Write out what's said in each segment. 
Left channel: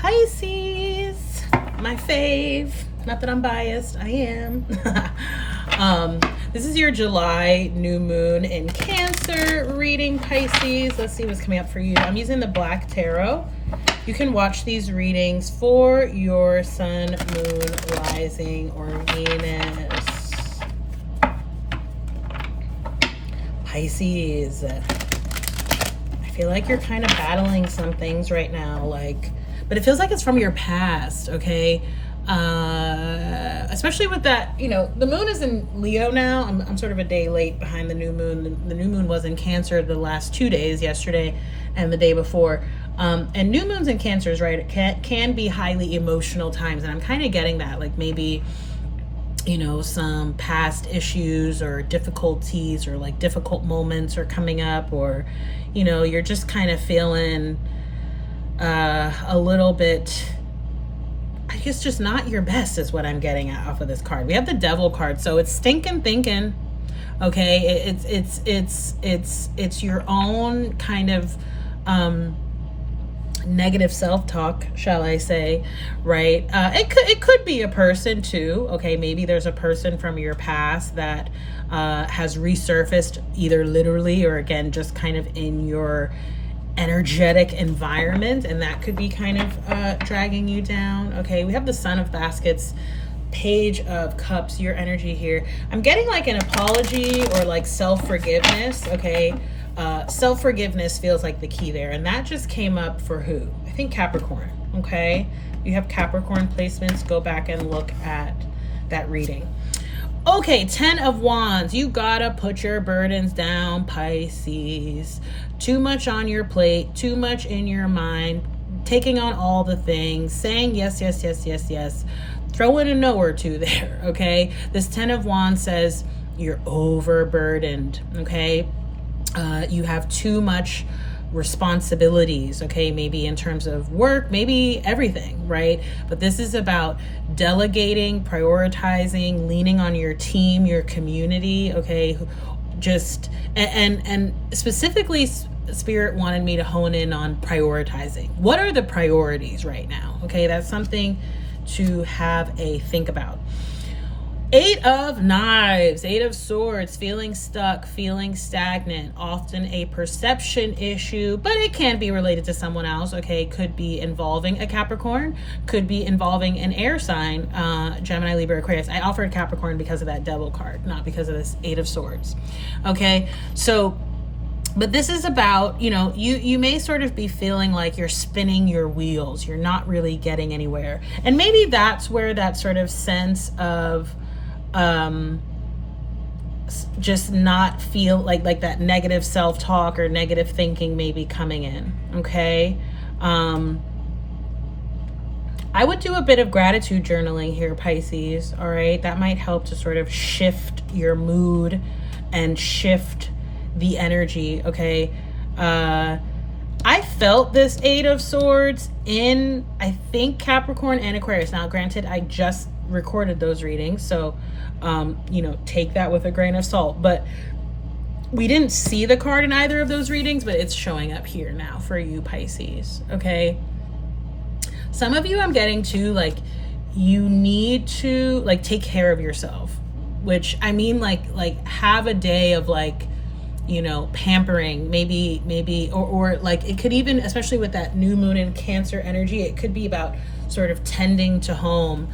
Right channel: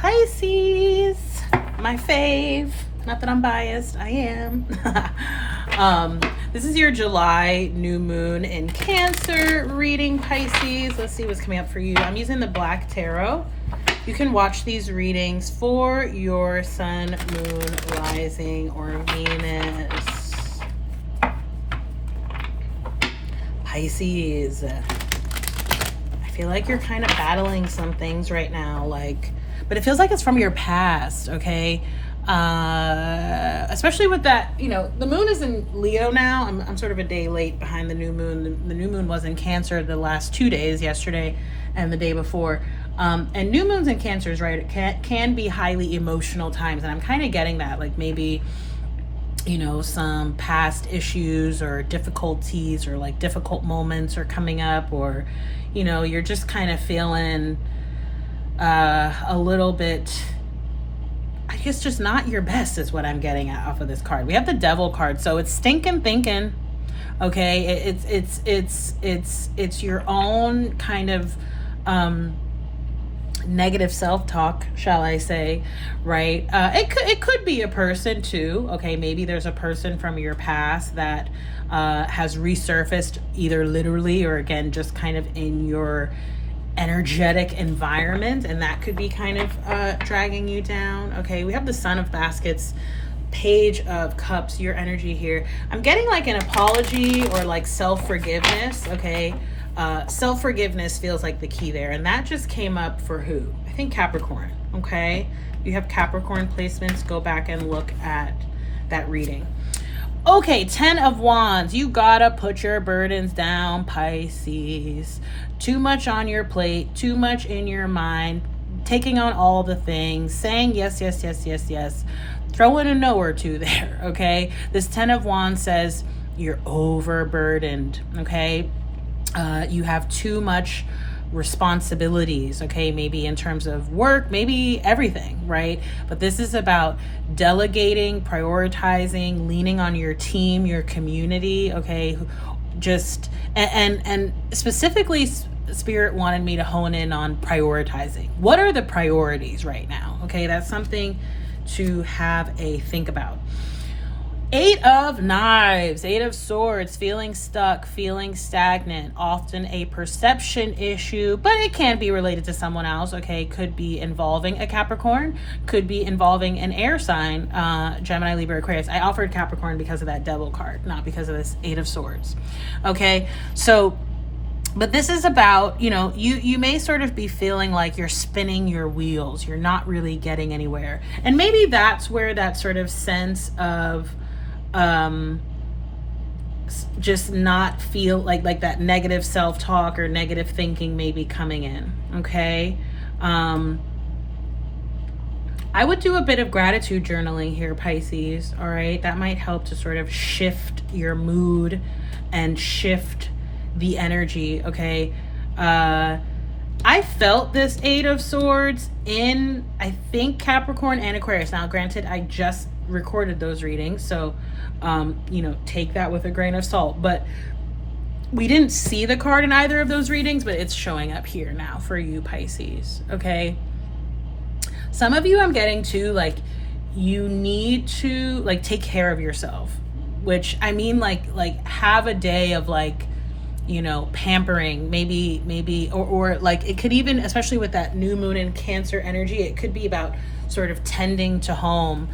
Pisces, my fave. Not that I'm biased, I am. This is your July new moon in Cancer reading, Pisces. Let's see what's coming up for you. I'm using the Black Tarot. You can watch these readings for your sun, moon, rising, or Venus. Pisces. I feel like you're kind of battling some things right now, but it feels like it's from your past, okay? Especially with that, the moon is in Leo now. I'm sort of a day late behind the new moon. The new moon was in Cancer the last 2 days, yesterday and the day before. And new moons in Cancers, right, it can be highly emotional times. And I'm kind of getting that, like maybe, some past issues or difficulties or like difficult moments are coming up, or, you're just kind of feeling a little bit, I guess, just not your best is what I'm getting at off of this card. We have the Devil card, so it's stinking thinking. Okay, it's your own kind of negative self-talk, shall I say, right? It could be a person too. Okay, maybe there's a person from your past that has resurfaced, either literally or again just kind of in your energetic environment, and that could be kind of dragging you down. Okay, we have the Son of Baskets, Page of Cups, your energy here. I'm getting like an apology or like self-forgiveness. Okay, self-forgiveness feels like the key there, and that just came up for who? I think Capricorn. Okay, you have Capricorn placements. Go back and look at that reading. Okay, 10 of Wands. You gotta put your burdens down, Pisces. Too much on your plate, too much in your mind, taking on all the things, saying yes, yes, yes, yes, yes. Throw in a no or two there, okay? This 10 of Wands says you're overburdened, okay? You have too much responsibilities, okay? Maybe in terms of work, maybe everything, right? But this is about delegating, prioritizing, leaning on your team, your community, okay? Just and specifically, Spirit wanted me to hone in on prioritizing. What are the priorities right now? Okay, that's something to have a think about. 8 of Knives, 8 of Swords, feeling stuck, feeling stagnant, often a perception issue, but it can be related to someone else, okay? Could be involving a Capricorn, could be involving an air sign, Gemini, Libra, Aquarius. I offered Capricorn because of that Devil card, not because of this 8 of Swords, okay? So, but this is about, you may sort of be feeling like you're spinning your wheels. You're not really getting anywhere. And maybe that's where that sort of sense of just not feel like that negative self-talk or negative thinking may be coming in, okay? I would do a bit of gratitude journaling here, Pisces, all right? That might help to sort of shift your mood and shift the energy, okay? I felt this 8 of Swords in, I think, Capricorn and Aquarius. Now, granted, I just recorded those readings, so take that with a grain of salt, but we didn't see the card in either of those readings, but it's showing up here now for you, Pisces, okay? Some of you I'm getting to, like, you need to, like, take care of yourself, which I mean, like have a day of, like, pampering, maybe, or like, it could even, especially with that new moon in Cancer energy, it could be about sort of tending to home,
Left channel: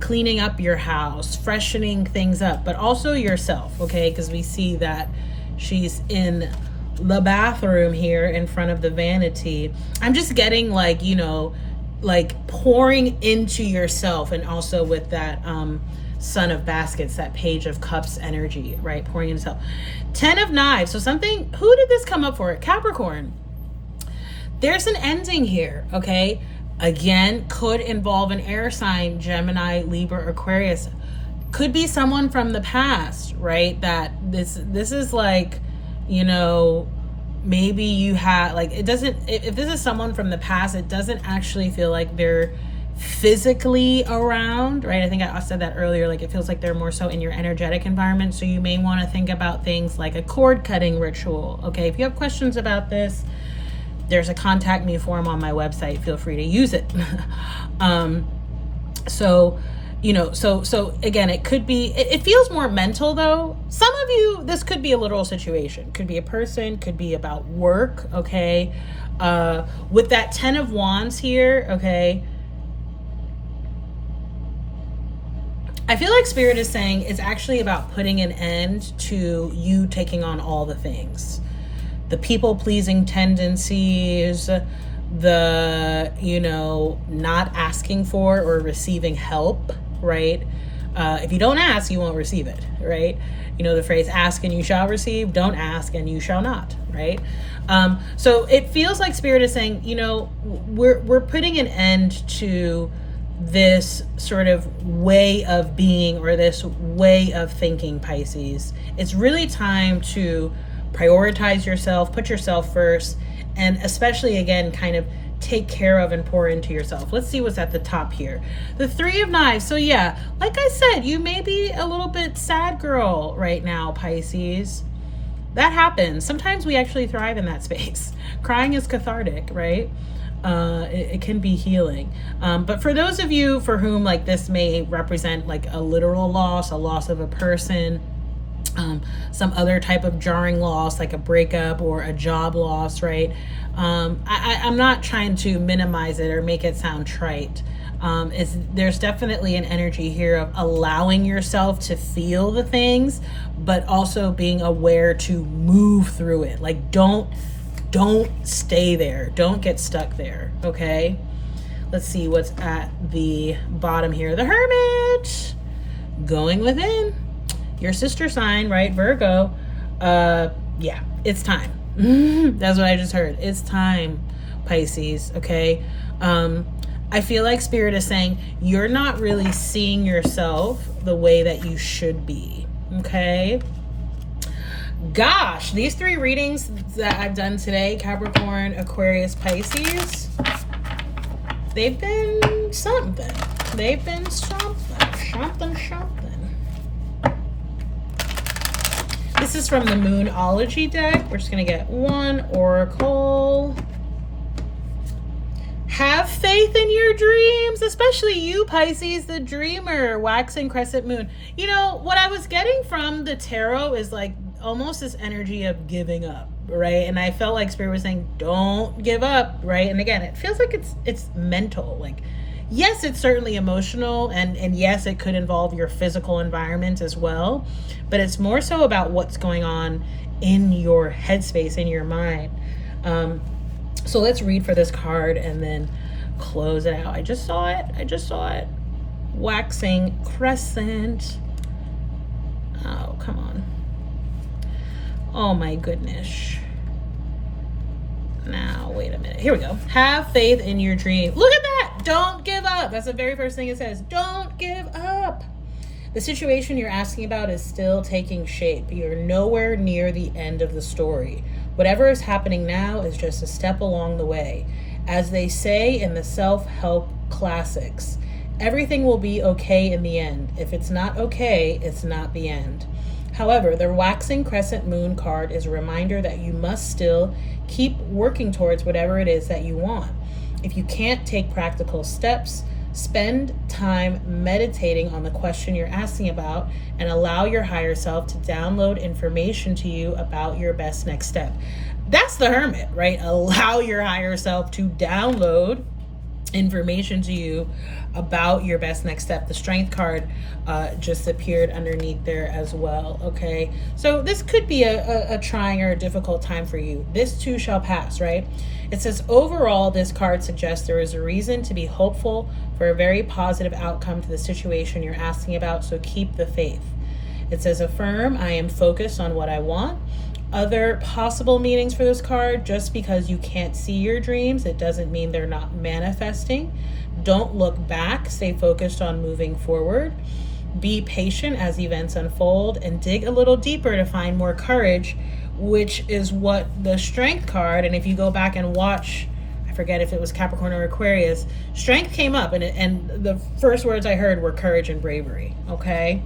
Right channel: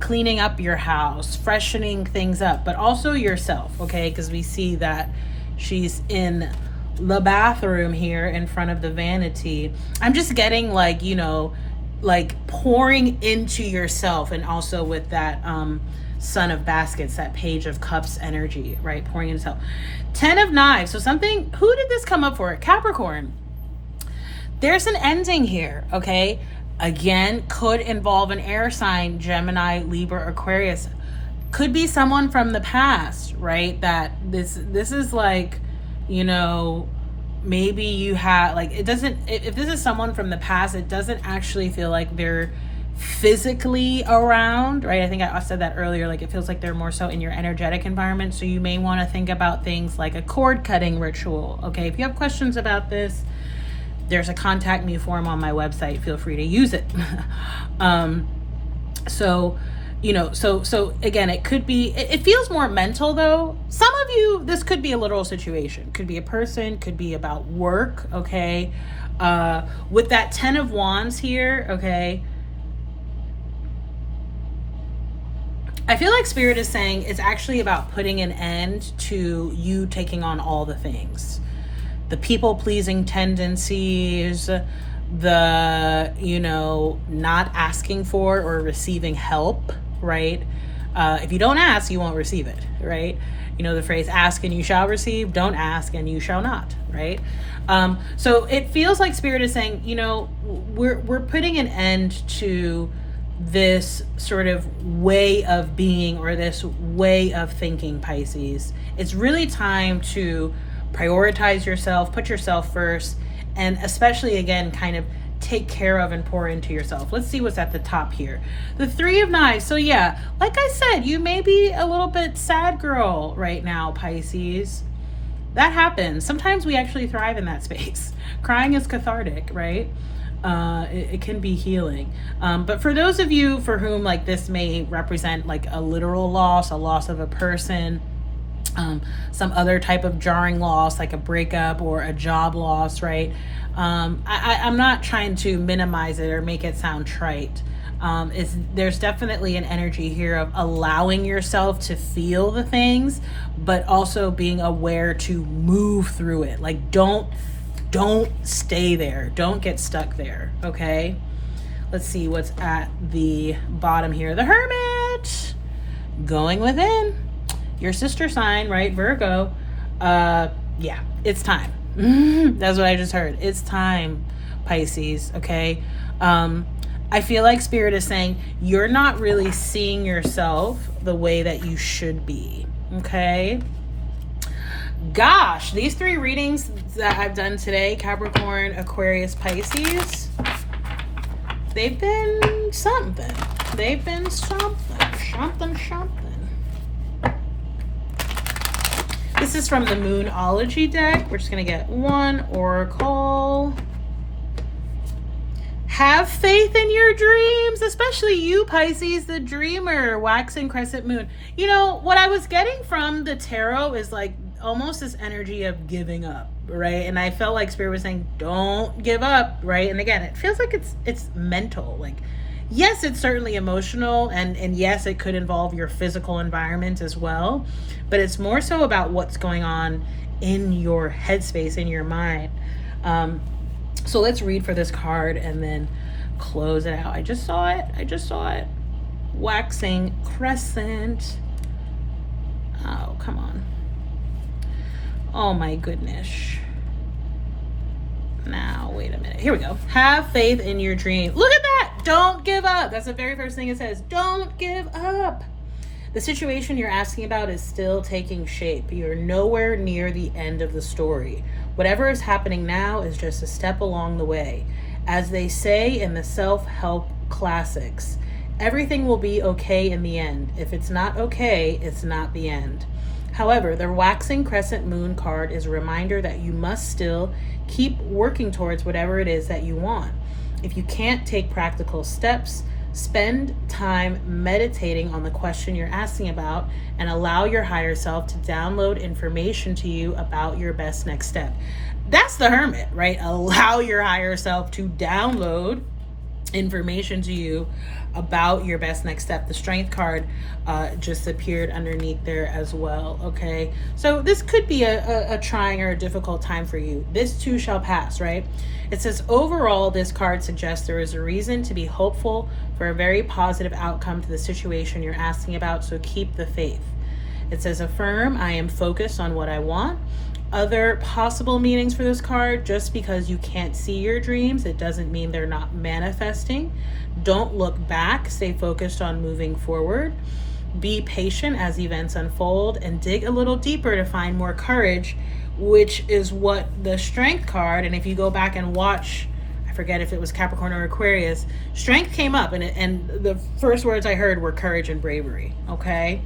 cleaning up your house, freshening things up, but also yourself, okay? Because we see that she's in the bathroom here in front of the vanity. I'm just getting like, like pouring into yourself, and also with that Son of Baskets, that Page of Cups energy, right? Pouring into yourself. 10 of Knives. So something, who did this come up for? Capricorn. There's an ending here, okay? Again, could involve an air sign, Gemini, Libra, Aquarius. Could be someone from the past, right? That this is like, maybe you had, like, it doesn't, if this is someone from the past, it doesn't actually feel like they're physically around, right? I think I said that earlier, like it feels like they're more so in your energetic environment. So you may want to think about things like a cord cutting ritual, okay? If you have questions about this, There's a contact me form on my website. Feel free to use it. So again, it could be, it feels more mental though. Some of you, this could be a literal situation, could be a person, could be about work. Okay. With that 10 of Wands here. Okay. I feel like Spirit is saying it's actually about putting an end to you taking on all the things, the people pleasing tendencies, the, not asking for or receiving help, right? If you don't ask, you won't receive it, right? The phrase, ask and you shall receive, don't ask and you shall not, right? So it feels like Spirit is saying, we're putting an end to this sort of way of being or this way of thinking, Pisces. It's really time to prioritize yourself, put yourself first, and especially, again, kind of take care of and pour into yourself. Let's see what's at the top here. The 3 of Knives. So yeah, like I said, you may be a little bit sad girl right now, Pisces. That happens. Sometimes we actually thrive in that space. Crying is cathartic, right? It can be healing. But for those of you for whom like this may represent like a literal loss, a loss of a person, some other type of jarring loss like a breakup or a job loss, right? I'm not trying to minimize it or make it sound trite. There's definitely an energy here of allowing yourself to feel the things, but also being aware to move through it. Like don't stay there. Don't get stuck there. Okay. Let's see what's at the bottom here. The Hermit, going within. Your sister sign, right? Virgo. Yeah, it's time. That's what I just heard. It's time, Pisces. Okay. I feel like Spirit is saying you're not really seeing yourself the way that you should be. Okay. Gosh, these 3 readings that I've done today, Capricorn, Aquarius, Pisces, they've been something. They've been something. This is from the Moonology deck. We're just going to get 1 oracle. Have faith in your dreams, especially you, Pisces, the dreamer, waxing crescent moon. What I was getting from the tarot is like almost this energy of giving up, right? And I felt like Spirit was saying, don't give up, right? And again, it feels like it's mental. Like, yes, it's certainly emotional, and yes, it could involve your physical environment as well, but it's more so about what's going on in your headspace, in your mind. So let's read for this card and then close it out. I just saw it. Waxing crescent. Oh, come on. Oh my goodness. Now, wait a minute. Here we go. Have faith in your dream. Look at that. Don't give up. That's the very first thing it says. Don't give up. The situation you're asking about is still taking shape. You're nowhere near the end of the story. Whatever is happening now is just a step along the way. As they say in the self-help classics, everything will be okay in the end. If it's not okay, it's not the end. However, the waxing crescent moon card is a reminder that you must still keep working towards whatever it is that you want. If you can't take practical steps, spend time meditating on the question you're asking about and allow your higher self to download information to you about your best next step. That's the Hermit, right? Allow your higher self to download information to you about your best next step. The Strength card just appeared underneath there as well. Okay, so this could be a trying or a difficult time for you. This too shall pass, right? It says overall, this card suggests there is a reason to be hopeful for a very positive outcome to the situation you're asking about, so keep the faith. It says affirm, I am focused on what I want. Other possible meanings for this card: just because you can't see your dreams, it doesn't mean they're not manifesting. Don't look back, stay focused on moving forward. Be patient as events unfold, and dig a little deeper to find more courage, which is what the Strength card, and if you go back and watch, I forget if it was Capricorn or Aquarius, Strength came up, and the first words I heard were courage and bravery. Okay.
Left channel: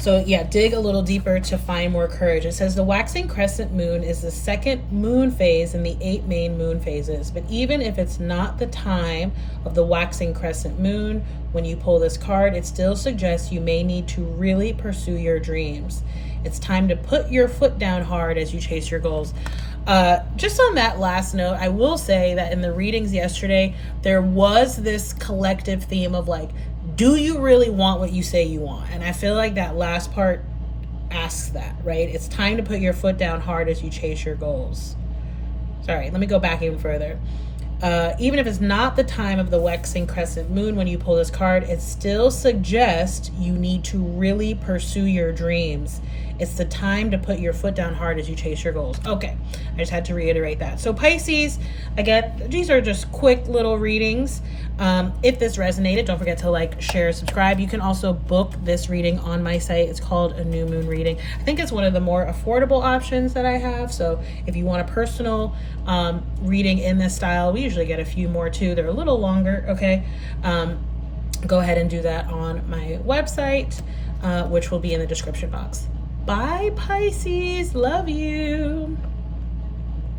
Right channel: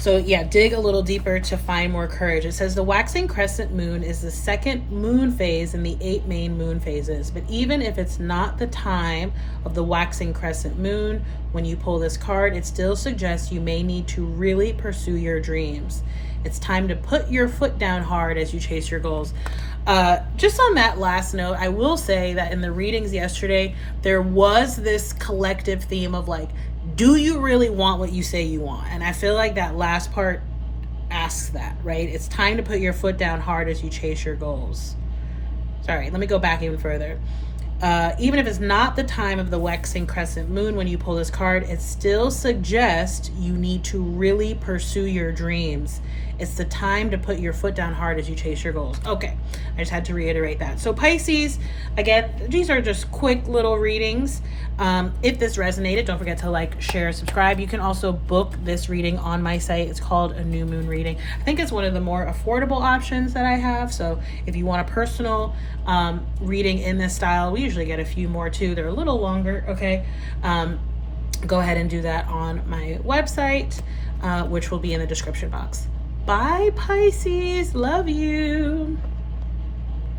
So yeah, dig a little deeper to find more courage. It says the waxing crescent moon is the second moon phase in the 8 main moon phases. But even if it's not the time of the waxing crescent moon, when you pull this card, it still suggests you may need to really pursue your dreams. It's time to put your foot down hard as you chase your goals. Just on that last note, I will say that in the readings yesterday, there was this collective theme of like, do you really want what you say you want? And I feel like that last part asks that, right? It's time to put your foot down hard as you chase your goals. Sorry, let me go back even further. Even if it's not the time of the waxing crescent moon when you pull this card, it still suggests you need to really pursue your dreams. It's the time to put your foot down hard as you chase your goals. Okay, I just had to reiterate that. So Pisces, again, these are just quick little readings. If this resonated, don't forget to like, share, subscribe. You can also book this reading on my site. It's called a new moon reading. I think it's one of the more affordable options that I have. So if you want a personal reading in this style, we usually get a few more too. They're a little longer, okay? Go ahead and do that on my website, which will be in the description box. Bye, Pisces. Love you.